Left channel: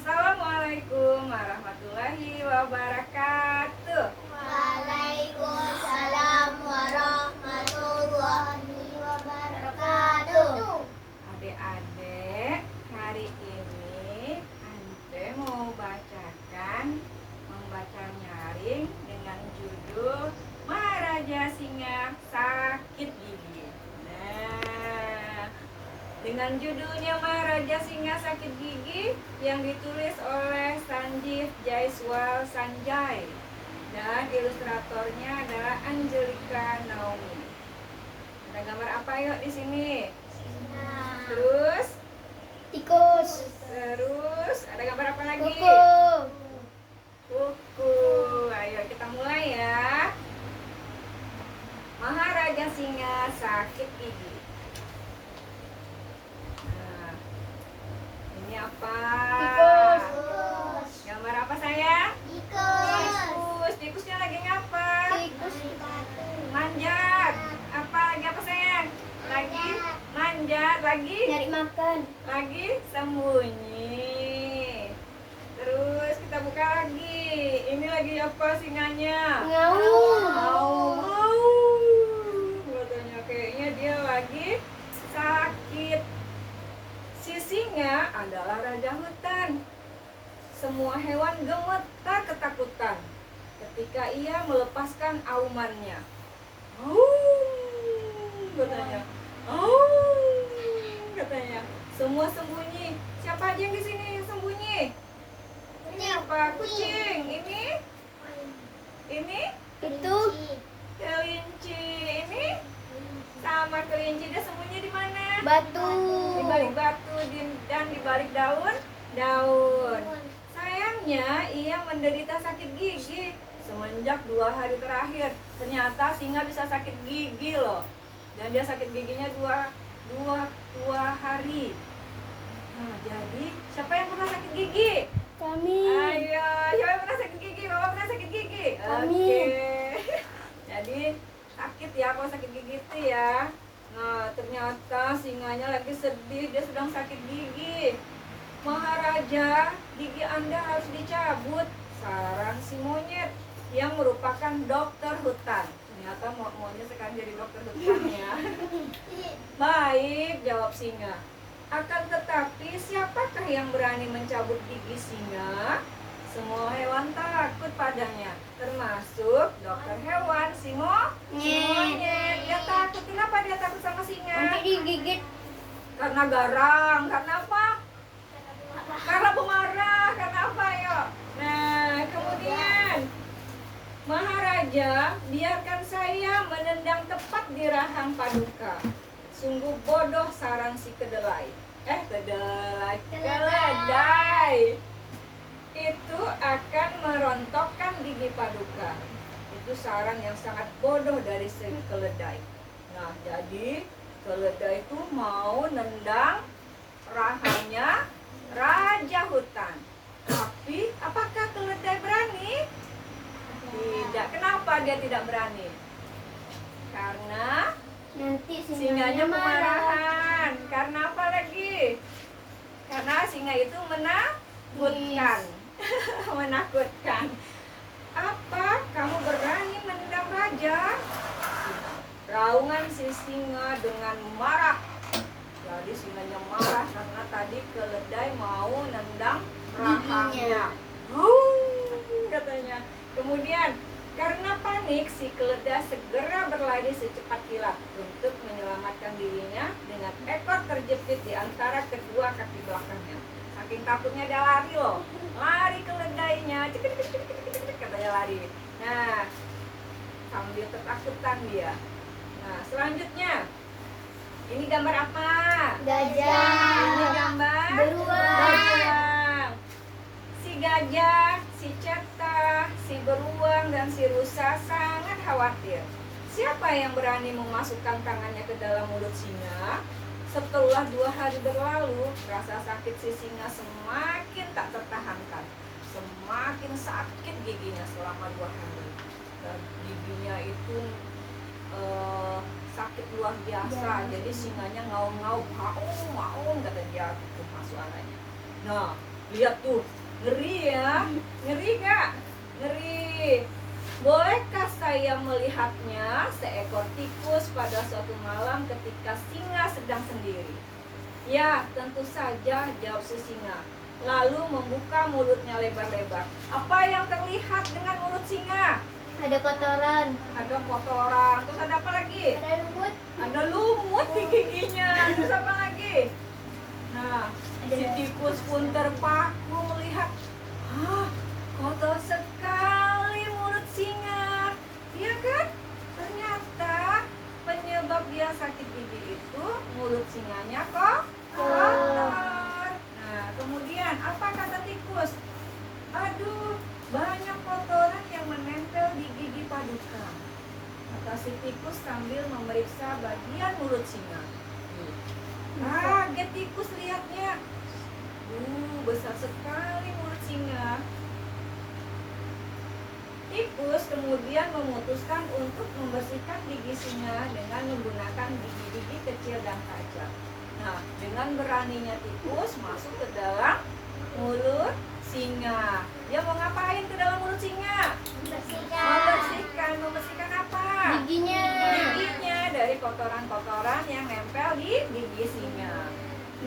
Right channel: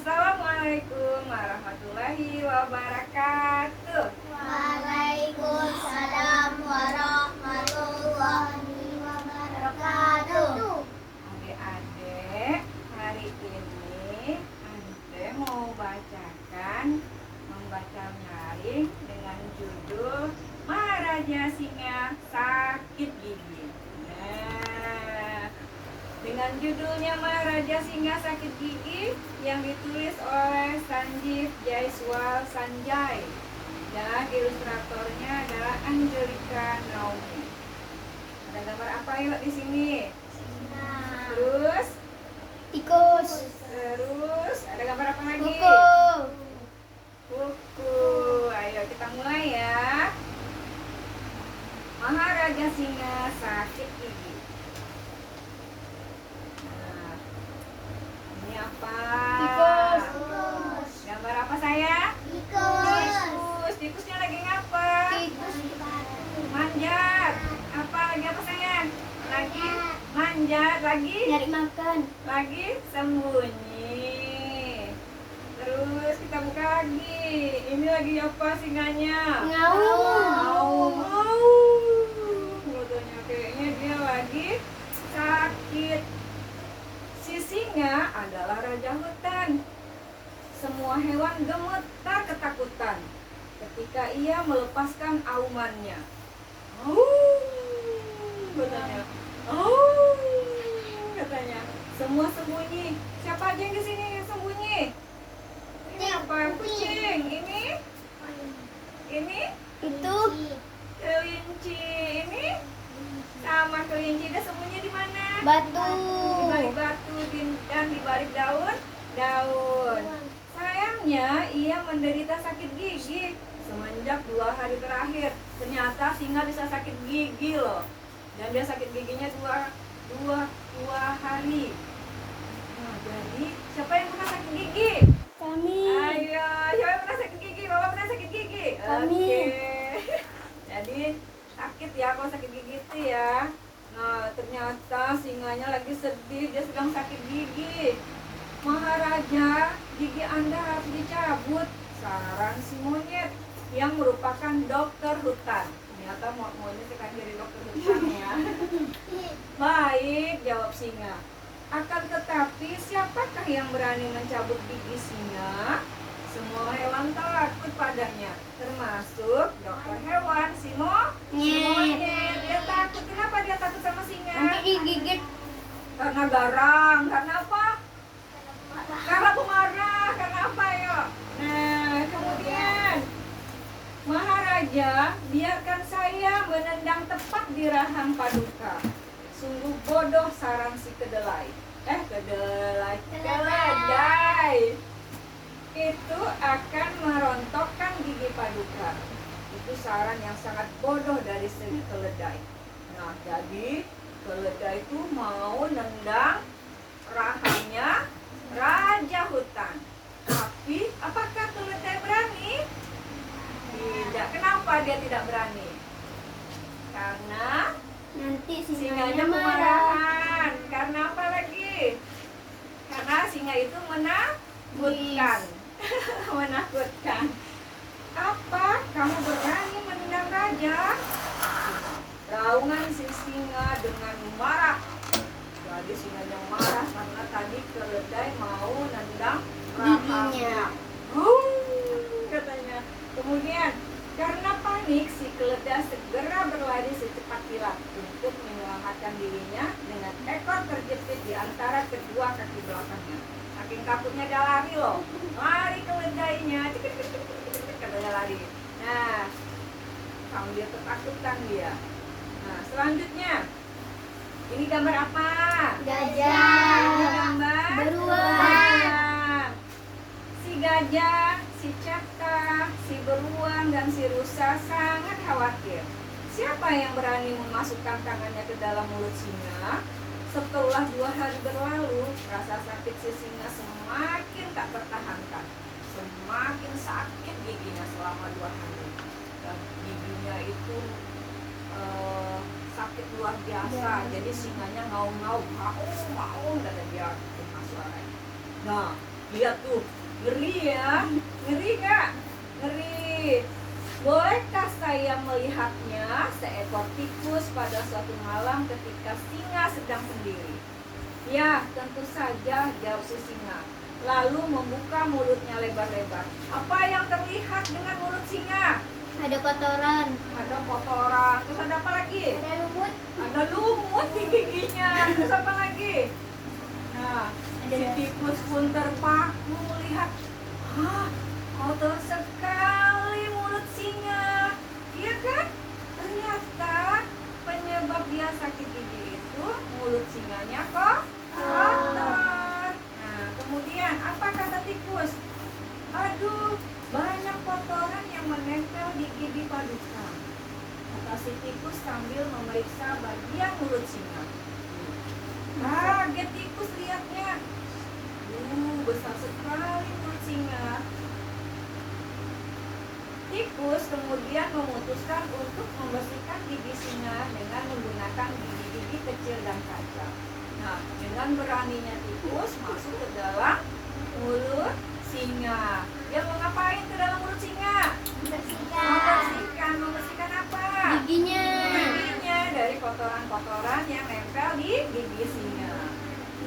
Assalamualaikum warahmatullahi wabarakatuh. Waalaikumsalam warahmatullahi wabarakatuh. Adik-adik, hari ini Ante mau membaca nyaring dengan judul Maharaja Singa Sakit Gigi. Nah, dengan judulnya Maharaja Singa Sakit Gigi yang ditulis oleh Sanjeev Jaiswal Sanjay dan ilustratornya adalah Angelica Naomi. Ada gambar apa yuk di sini? Terus Tikus. ada gambar apa lagi? Kuku. Kuku. Ayo kita mulai ya. Maharaja Singa Sakit Gigi. Nah, ini apa? Tikus. Gambar apa saya? Tikus. Tikusnya lagi ngapa? Tikus di batu. Manjat. Lagi apa sayang? Lagi manjat, lagi Nyari makan. lagi sembunyi. Terus kita buka lagi. Ini lagi apa singanya? Ngaung. Katanya kayaknya dia lagi sakit. Si singa adalah raja hutan. Semua hewan gemetar ketakutan ketika ia melepaskan aumannya. Katanya. Katanya. Semua sembunyi. Siapa aja yang di sini yang sembunyi? Ini apa? Kucing. Ini Itu kelinci. Ini sama kelinci. Dia sembunyi di mana? batu. Di balik batu dan di balik daun. Sayangnya ia menderita sakit gigi semenjak 2 hari terakhir. Ternyata singa bisa sakit gigi loh. Dan dia sakit giginya dua hari. Nah, jadi siapa yang pernah sakit gigi? Kami. Ayo, siapa yang pernah sakit gigi? Bapak pernah sakit gigi? Kami. Oke. Jadi sakit ya kalau sakit gigi itu ya. Nah, ternyata singanya lagi sedih, dia sedang sakit gigi. Maharaja, gigi Anda harus dicabut, saran si monyet yang merupakan dokter hutan. Ternyata monyet sekarang jadi dokter hutan ya. Baik, jawab singa. Akan tetapi siapakah yang berani mencabut gigi singa? Semua hewan takut padanya, termasuk dokter hewan si monyet. Dia takut. Kenapa dia takut sama singa? Nanti digigit. Karena garang. Karena apa? Karena pemarah. Karena apa ya? Nah, kemudian Maharaja, biarkan saya menendang tepat di rahang Paduka. Sungguh bodoh saran si keledai. Keledai. Itu akan merontokkan gigi Paduka. Itu saran yang sangat bodoh dari si keledai. Nah, jadi keledai itu mau nendang rahangnya raja hutan. Tapi apakah keledai berani? Tidak. Kenapa dia tidak berani? Karena Nanti singanya singanya marah. kemarahan. Karena apa lagi? Karena singa itu menakutkan. Menakutkan. Apa? Kamu berani menendang raja? Raungan si singa dengan marah. Jadi singanya marah karena tadi keledai mau nendang rahangnya. Katanya. Kemudian karena panik si keledai segera berlari secepat kilat untuk menyelamatkan dirinya dengan ekor terjepit di antara kedua kaki belakangnya. Saking takutnya dia lari loh. Lari keledainya. Katanya lari. Nah, sambil ketakutan dia. Nah, selanjutnya ini gambar apa? Gajah. Ini gambar Beruang. Si gajah, si cata, si beruang, dan si rusa sangat khawatir. Siapa yang berani memasukkan tangannya ke dalam mulut singa? Setelah 2 hari berlalu, rasa sakit si singa semakin tak tertahankan. Semakin sakit giginya selama 2 hari. Dan giginya itu sakit luar biasa. Jadi singanya ngaum-ngaum, kata dia, itu suaranya. Nah, Lihat tuh, ngeri ya. Ngeri nggak? Ngeri. Bolehkah saya melihatnya seekor tikus pada suatu malam ketika singa sedang sendiri? Ya, tentu saja, jawab si singa. Lalu membuka mulutnya lebar-lebar. Apa yang terlihat dengan mulut singa? Ada kotoran. Ada kotoran. Terus ada apa lagi? Ada lumut. Ada lumut di giginya. Terus apa lagi? Nah, Ada. si tikus pun terpaku melihat. Ah, kotor sekali mulut singa. Iya kan? Ternyata penyebab dia sakit gigi itu mulut singanya kok kotor. Nah, kemudian apa kata tikus? Aduh, banyak kotoran yang menempel di gigi Paduka. Kata si tikus sambil memeriksa bagian mulut singa. Kaget tikus lihatnya. Besar sekali mulut singa. Tikus kemudian memutuskan untuk membersihkan gigi singa dengan menggunakan gigi-gigi kecil dan tajam. Nah, dengan beraninya tikus masuk ke dalam mulut singa. Dia mau ngapain ke dalam mulut singa? Bersihkan. Membersihkan apa? Giginya. Giginya dari kotoran-kotoran yang nempel di gigi singa.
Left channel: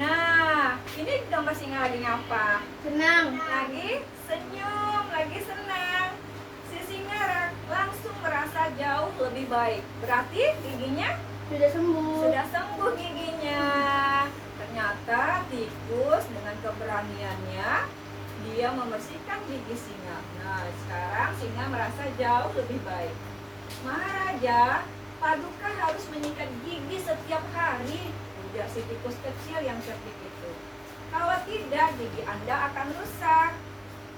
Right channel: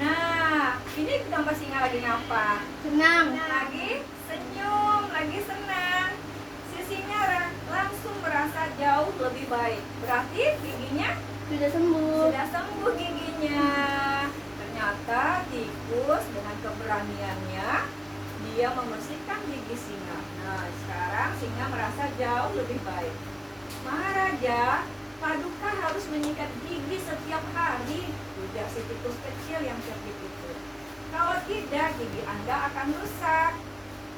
Nah, ini gambar singa lagi ngapa? Senang. Lagi senyum, lagi senang. Si singa langsung merasa jauh lebih baik. Berarti giginya Sudah sembuh. sudah sembuh giginya. Ternyata tikus dengan keberaniannya dia membersihkan gigi singa. Nah, sekarang singa merasa jauh lebih baik. Maharaja, Paduka harus menyikat gigi setiap hari, ujar si tikus kecil yang cerdik itu. Kalau tidak, gigi Anda akan rusak.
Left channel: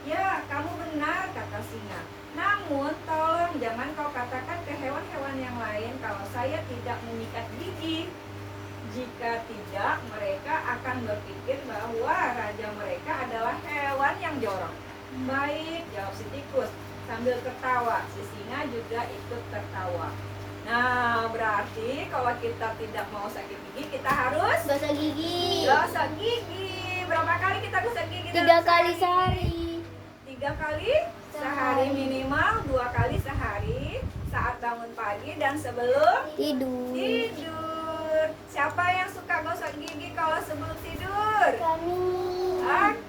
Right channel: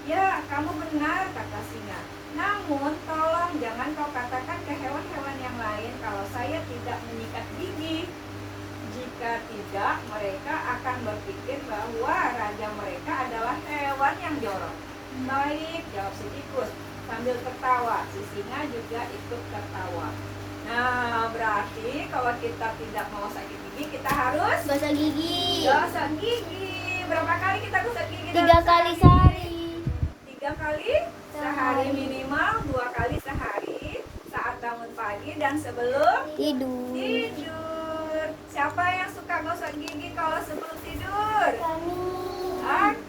Ya, kamu benar, kata singa. Namun, tolong jangan kau katakan ke hewan-hewan yang lain kalau saya tidak menyikat gigi. Jika tidak, mereka akan berpikir bahwa raja mereka adalah hewan yang jorok. Baik, jawab si tikus sambil tertawa. Si singa juga ikut tertawa. Nah, berarti kalau kita tidak mau sakit gigi, kita harus Gosok gigi. gosok gigi. Berapa kali kita gosok gigi? 3 kali sehari. 3 kali sehari minimal, 2 kali sehari saat bangun pagi dan sebelum Tidur. tidur. Siapa yang suka gosok gigi kalau sebelum tidur? Kami. Oke.